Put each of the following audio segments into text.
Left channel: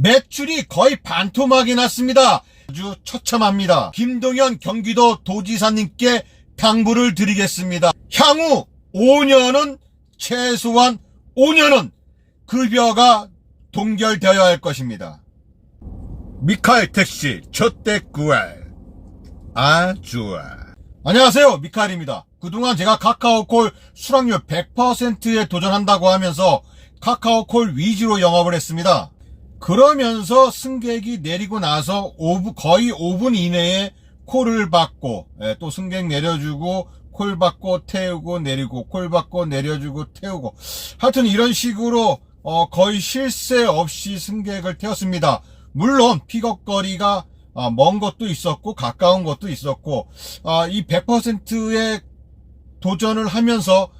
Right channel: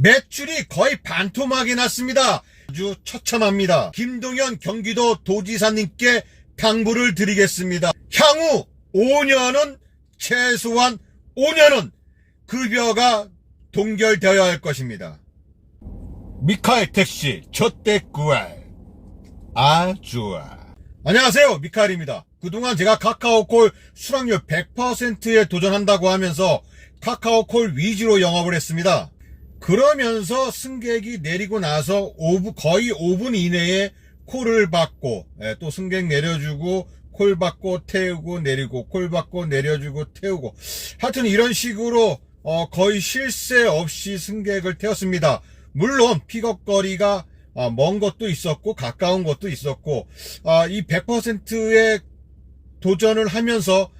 매출이 거의 반토막이 났습니다. 아주 처참합니다. 김동연 경기도 도지사님께 당부를 드리겠습니다. 향후 5년은 최소한 5년은 급여가 동결되어야 할 것입니다. 미카엘 택시 첫대구알 아주아. 안녕하세요, 미카엘입니다. 그동안 제가 카카오콜 수락률 100%에 도전한다고 하면서 카카오콜 위주로 영업을 했습니다. 그러면서 승객이 내리고 나서 거의 5분 이내에 콜을 받고, 또 승객 내려주고 콜 받고 태우고 내리고 콜 받고 내려주고 태우고, 하여튼 이런 식으로 거의 쉴 새 없이 승객을 태웠습니다. 물론 픽업거리가 먼 것도 있었고 가까운 것도 있었고, 이 100%의 도전을 하면서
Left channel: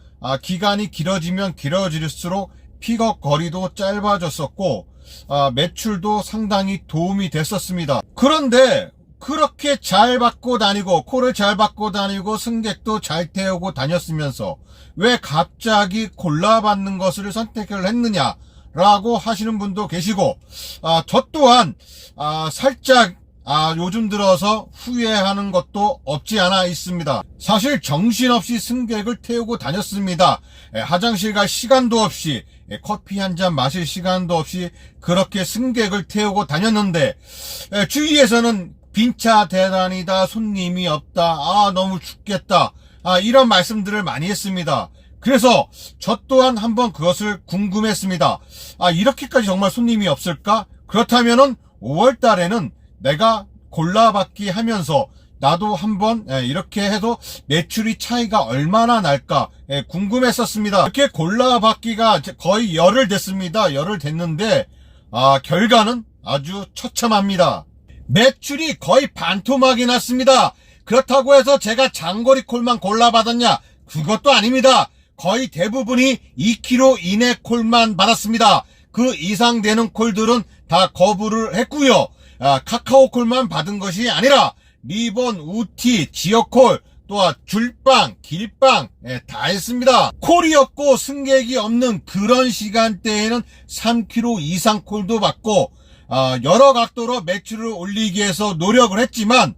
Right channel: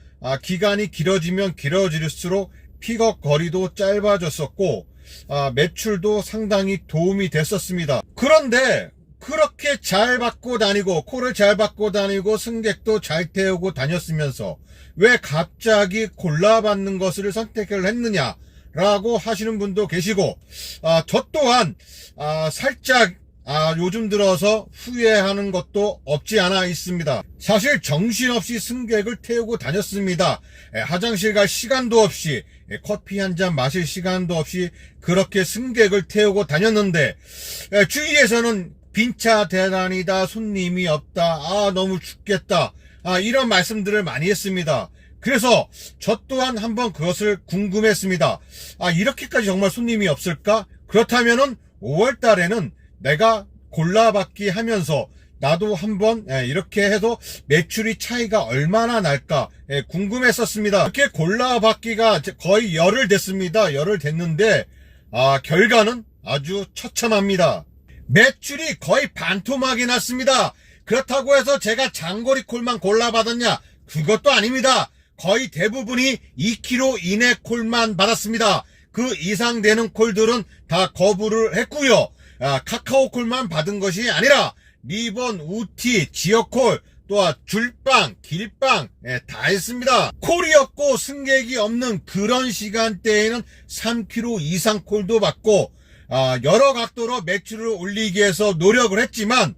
기간이 길어지면 길어질수록 픽업 거리도 짧아졌었고, 매출도 상당히 도움이 됐었습니다. 그런데 그렇게 잘 받고 다니고 콜을 잘 받고 다니고 승객도 잘 태우고 다녔으면서 왜 갑자기 골라받는 것을 선택을 했느냐 라고 하시는 분도 계시고, 저 또한 살짝 요즘 들어서 후회하는 것도 없지 않아 있습니다. 사실 정신없이 승객을 태우고 다녔습니다. 화장실 갈 시간도 없이, 커피 한 잔 마실 시간도 없이 그렇게 승객을 태우고 다녔는데, 주위에서는 빈차 대란이다, 손님이 없다, 너무 춥겠다, 이런 말씀들을 많이 했습니다. 그래서 저 또한 한번 그것을 궁금했습니다. 이렇게까지 정말 손님이 없을까? 그렇다면은 5월 달에는 내가 골라받기 하면서 나도 한번 이렇게 해도 매출이 차이가 얼마나 날까 궁금했었습니다. 이렇게 골라받기가 거의 열흘 됐습니다. 열흘 됐는데 결과는 아주 처참합니다. 매출이 거의 반토막이 났습니다. 그렇다고 해서 제가 장거리 콜만 골라받았냐? 그것도 아닙니다. 거의 대부분이 2km 이내 콜만 받았습니다. 그 이상 되는 콜들은 다 거부를 했고요. 카카오콜만 받은 것이 아니라 리본, 우티, 지역콜, 또 줄빵, 길빵 다 했습니다. 콜이 없고 승객이 없는 그런 시간대에는 3km 이상 콜도 받고, 여러 각도로 매출을 올리기 위해서 노력을 했지만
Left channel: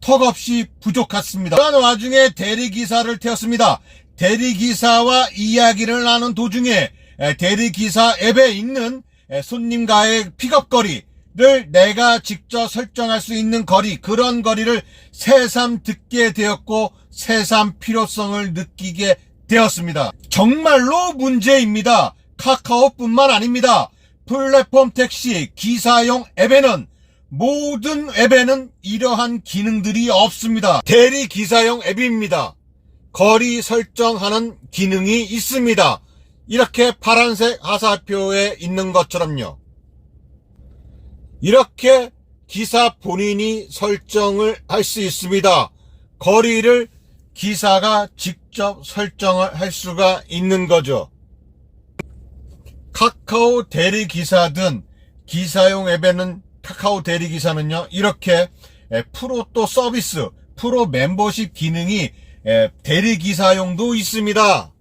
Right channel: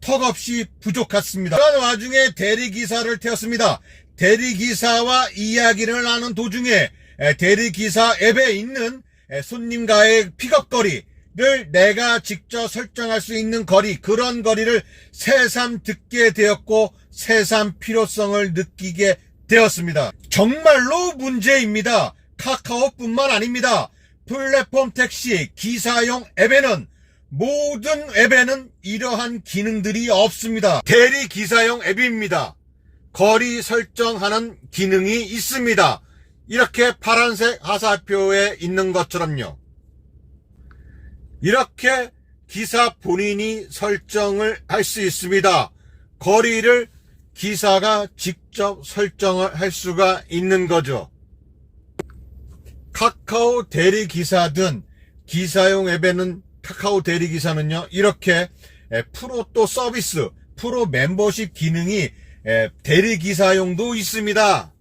턱없이 부족했습니다. 그런 와중에 대리기사를 태웠습니다. 대리기사와 이야기를 나눈 도중에 대리기사 앱에 있는 손님과의 픽업거리 를 내가 직접 설정할 수 있는 거리, 그런 거리를 새삼 듣게 되었고 새삼 필요성을 느끼게 되었습니다. 정말로 문제입니다. 카카오뿐만 아닙니다. 플랫폼 택시 기사용 앱에는, 모든 앱에는 이러한 기능들이 없습니다. 대리 기사용 앱입니다. 거리 설정하는 기능이 있습니다. 이렇게 파란색 화살표에 있는 것처럼요. 이렇게 기사 본인이 설정을 할 수 있습니다. 거리를 기사가 직접 설정을 할 수가 있는 거죠. 카카오 대리기사든 기사용 앱에는, 카카오 대리기사는요, 이렇게 프로 또 서비스, 프로 멤버십 기능이 대리기사용도 있습니다.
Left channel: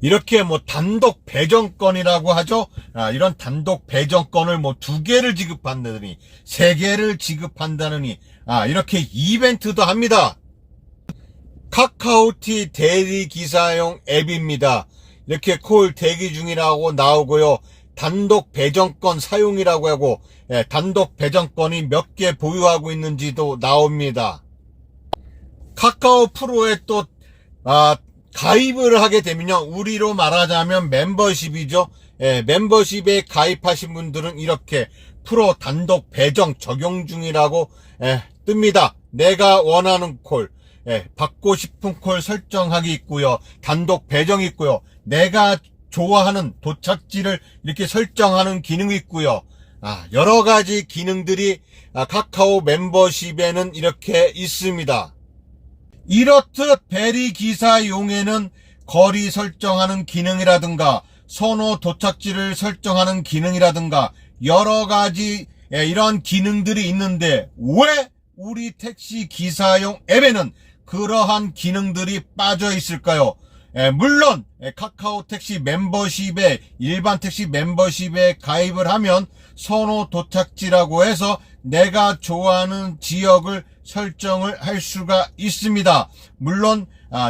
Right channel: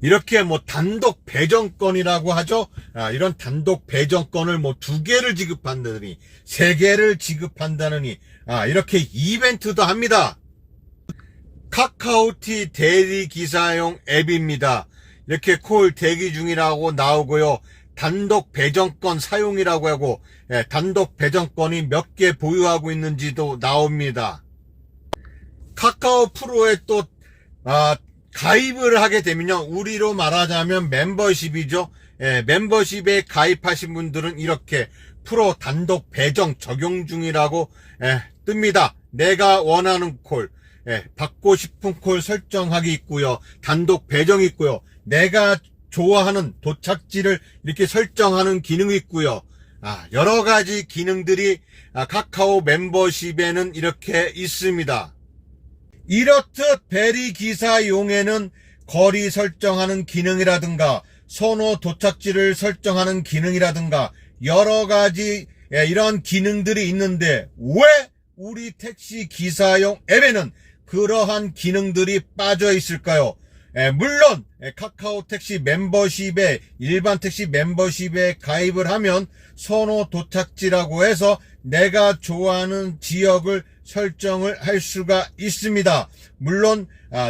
이렇게 단독 배정권이라고 하죠. 이런 단독 배정권을 2개를 지급한다느니 3개를 지급한다느니 이렇게 이벤트도 합니다. 카카오티 대리기사용 앱입니다. 이렇게 콜 대기 중이라고 나오고요. 단독 배정권 사용이라고 하고, 단독 배정권이 몇 개 보유하고 있는지도 나옵니다. 카카오 프로에 또 가입을 하게 되면요, 우리로 말하자면 멤버십이죠. 멤버십에 가입하신 분들은 이렇게 프로 단독 배정 적용 중이라고 뜹니다. 내가 원하는 콜, 받고 싶은 콜 설정하기 있고요, 단독 배정이 있고요, 내가 좋아하는 도착지를 이렇게 설정하는 기능이 있고요. 여러 가지 기능들이 카카오 멤버십에는 이렇게 있습니다. 이렇듯 대리기사용에는 거리 설정하는 기능이라든가 선호 도착지를 설정하는 기능이라든가 여러 가지 이런 기능들이 있는데, 왜 우리 택시 기사용 앱에는 그러한 기능들이 빠져 있을까요? 물론 카카오 택시 멤버십에 일반 택시 멤버십에 가입을 하면 선호 도착지라고 해서 내가 좋아하는 지역을 설정을 할 수가 있습니다. 물론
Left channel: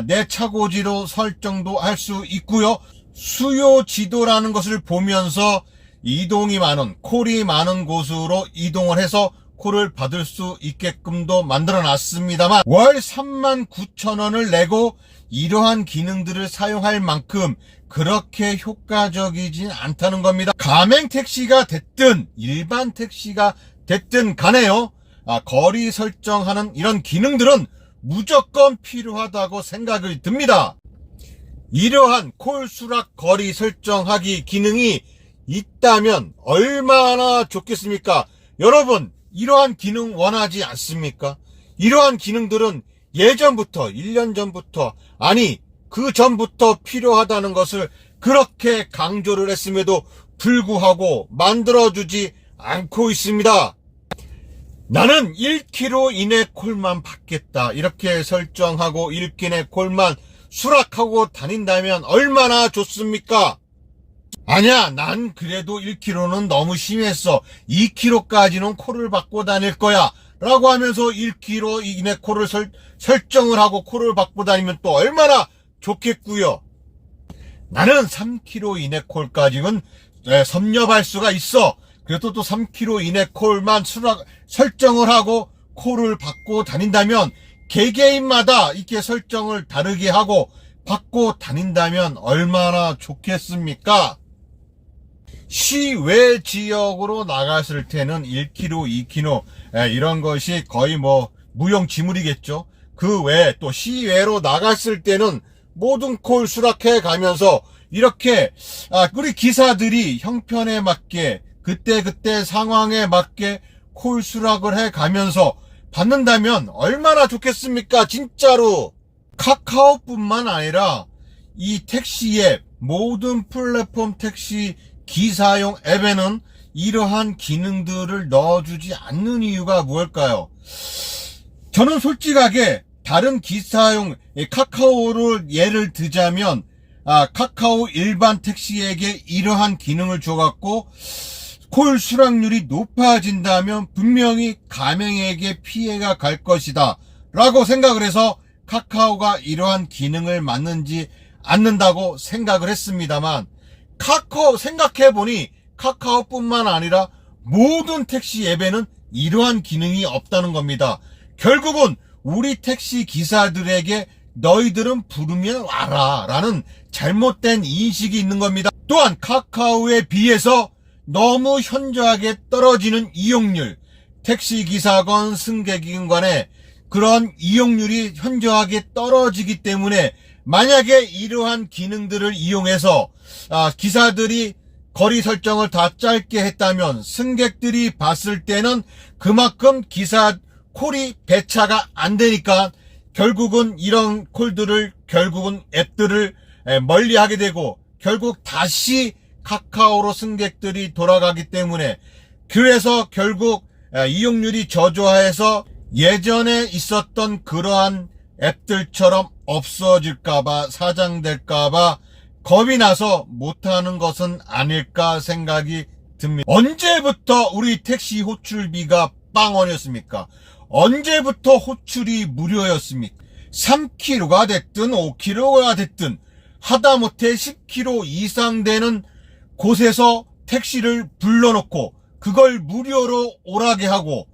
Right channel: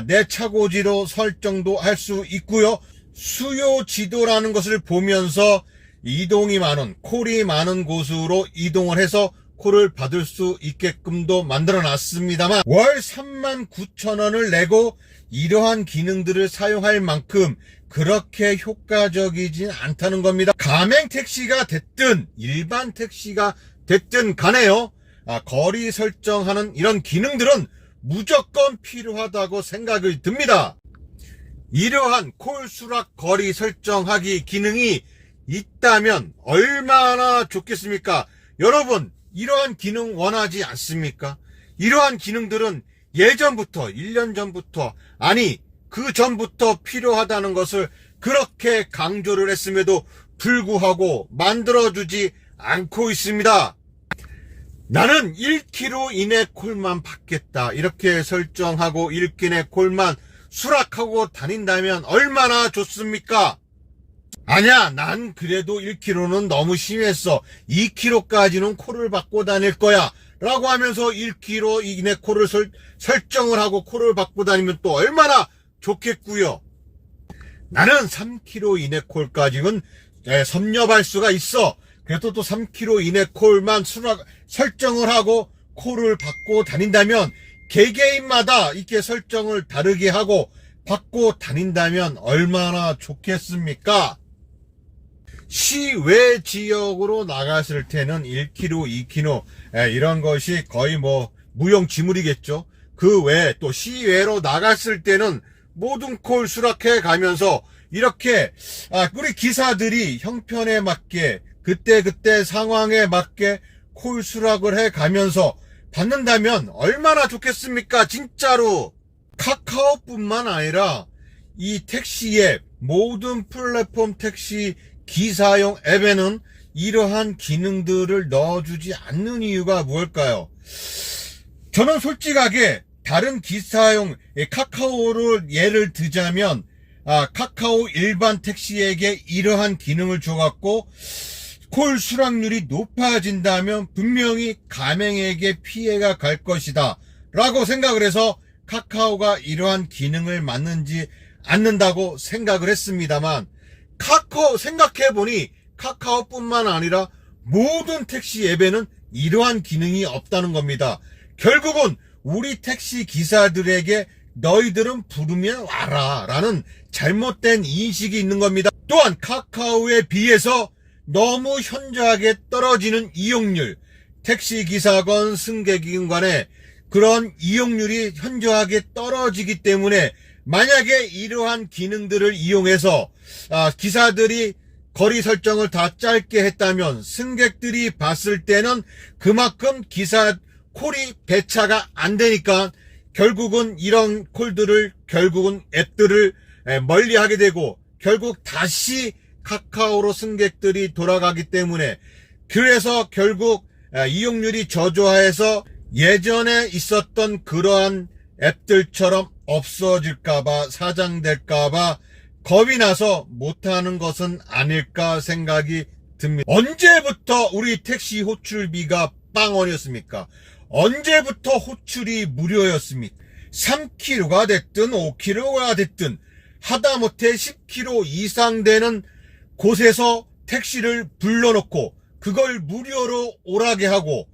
내 차고지로 설정도 할 수 있고요. 수요 지도라는 것을 보면서 이동이 많은, 콜이 많은 곳으로 이동을 해서 콜을 받을 수 있게끔도 만들어 놨습니다만 월 39,000원을 내고 이러한 기능들을 사용할 만큼 그렇게 효과적이진 않다는 겁니다. 가맹 택시가 됐든 일반 택시가 됐든 간에요. 거리 설정하는 이런 기능들은 무조건 필요하다고 생각이 듭니다. 이러한 콜 수락 거리 설정하기 기능이 있다면 얼마나 좋겠습니까? 여러분, 이러한 기능 원하지 않습니까? 이러한 기능들은 예전부터, 1년 전부터, 아니 그 전부터 필요하다는 것을 그렇게 강조를 했음에도 불구하고 만들어주지 않고 있습니다. 나는 1km 이내 콜만 받겠다 이렇게 설정하고 1km 이내 콜만 수락하고 다닌다면 얼마나 좋습니까? 아니야, 난 그래도 1km는 너무 심했어, 2km까지는 콜을 받고 다닐 거야 라고 하면서 1km 이내 콜을 설정을 하고 콜을 받고 다니면 또 얼마나 좋겠고요. 나는 3km 이내 콜까지는 섭렵할 수가 있어. 그래도 또 3km 이내 콜만 설정을 하고 콜을 받고 다닌다면 개개인마다 이렇게 설정을 다르게 하고 받고 다닌다면 얼마나 좋겠습니까? 시외 지역으로 나갔을 때는 1km, 2km 이런 것이 거의 뭐 무용지물이겠죠. 그 외에 또 시외로 나갔을 때는 모든 콜 수락해 가면서 이렇게 우리 기사들이 형편에 맞게 그때 상황에 맞게 콜 수락을 해 가면서 받는다면 얼마나 좋겠습니까? 진짜로. 카카오뿐만 아니라 이 택시 앱, 모든 플랫폼 택시 기사용 앱에는 이러한 기능들을 넣어주지 않는 이유가 무엇일까요? 저는 솔직하게 다른 기사용 카카오를 예를 들자면 카카오 일반 택시에게 이러한 기능을 줘갖고 콜 수락률이 높아진다면 분명히 가맹에게 피해가 갈 것이다 라고 생각을 해서 카카오가 이러한 기능을 만든지 않는다고 생각을 했습니다만 카카오 생각해보니 카카오뿐만 아니라 모든 택시 앱에는 이러한 기능이 없다는 겁니다. 결국은 우리 택시 기사들에게 너희들은 부르면 와라 라는 잘못된 인식이 있는 겁니다. 또한 카카오에 비해서 너무 현저하게 떨어지는 이용률, 택시기사건 승객이건 간에 그런 이용률이 현저하게 떨어지기 때문에 만약에 이러한 기능들을 이용해서 기사들이 거리 설정을 다 짧게 했다면 승객들이 봤을 때는 그만큼 기사 콜이 배차가 안 되니까 결국은 이런 콜들을 결국은 앱들을 멀리하게 되고 결국 다시 카카오로 승객들이 돌아가기 때문에 그래서 결국 이용률이 저조해서 예전에 있었던 그러한 앱들처럼 없어질까봐 사장될까봐 겁이 나서 못하는 것은 아닐까 생각이 듭니다. 언제부터 우리 택시 호출비가 빵원이었습니까? 언제부터 호출이 무료였습니까? 3km가 됐든 5km가 됐든 하다못해 10km 이상 되는 곳에서 택시를 불러놓고 그걸 무료로 오라게 하고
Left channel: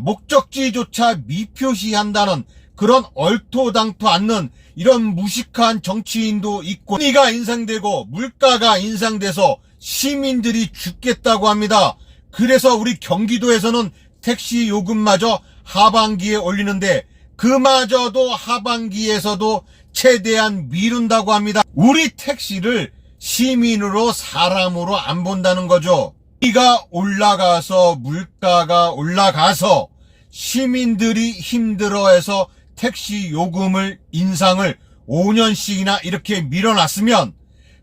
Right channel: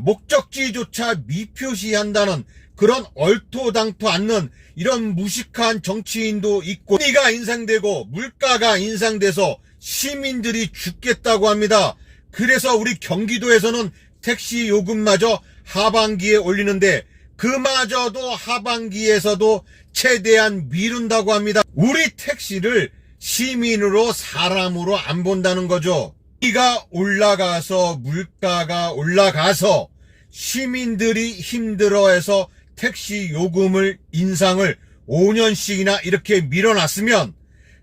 목적지조차 미표시한다는 그런 얼토당토 않는 이런 무식한 정치인도 있고 금리가 인상되고 물가가 인상돼서 시민들이 죽겠다고 합니다. 그래서 우리 경기도에서는 택시 요금마저 하반기에 올리는데 그마저도 하반기에서도 최대한 미룬다고 합니다. 우리 택시를 시민으로 사람으로 안 본다는 거죠. 물가가 올라가서 물가가 올라가서 시민들이 힘들어해서 택시 요금을 인상을 5년씩이나 이렇게 밀어놨으면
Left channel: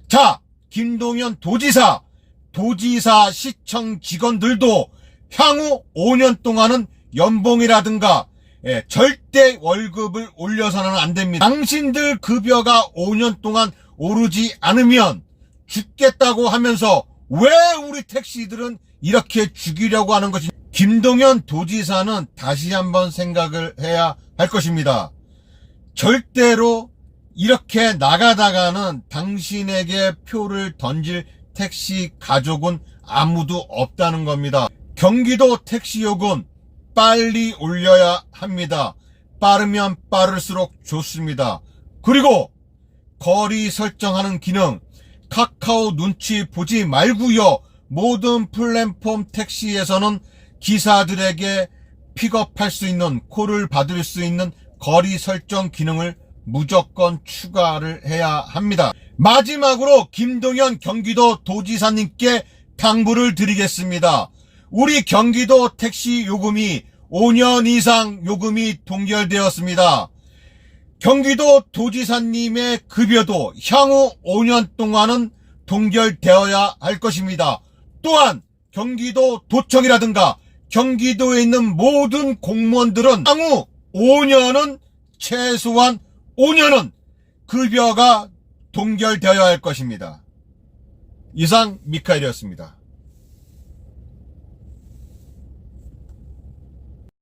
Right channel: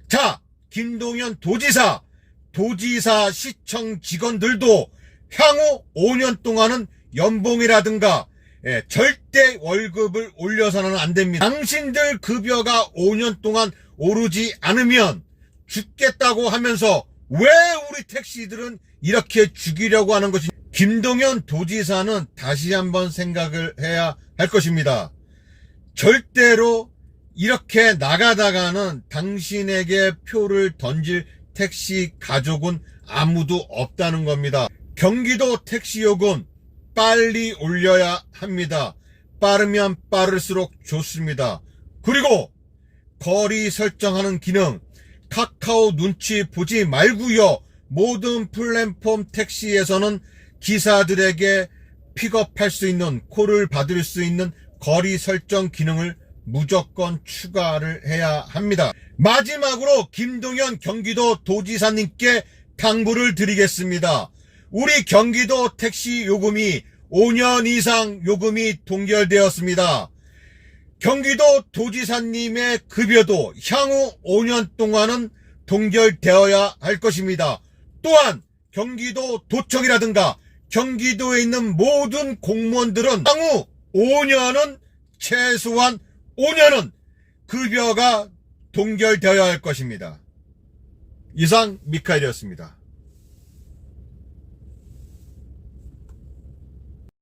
자 김동연 도지사 시청 직원들도 향후 5년 동안은 연봉이라든가 절대 월급을 올려서는 안 됩니다. 당신들 급여가 5년 동안 오르지 않으면 죽겠다고 하면서 왜 우리 택시들은 이렇게 죽이려고 하는 것인지 김동연 도지사는 다시 한번 생각을 해야 할 것입니다. 절대로 이렇게 나가다가는 당신에게 표를 던질 택시 가족은 아무도 없다는 겁니다. 경기도 택시요금 빨리 올려야 합니다. 빠르면 빠를수록 좋습니다. 그리고 거리 설정하는 기능 카카오 눈치 보지 말고요. 모든 플랫폼 택시에서는 기사들에게 픽업할 수 있는 콜을 받을 수 있는 거리 설정 기능을 무조건 추가를 해야 합니다. 마지막으로 김동연 경기도 도지사님께 당부를 드리겠습니다. 우리 경기도 택시 요금이 5년 이상 요금이 동결되었습니다. 경기도 도지사님의 급여도 향후 5년 동안은 동결되어야 할 것입니다. 또한 경기도 도청이라든가 경기도에 있는 모든 공무원들은 향후 5년은 최소한 5년은 급여가 동결되어야 할 것입니다. 이상 미카엘이었습니다.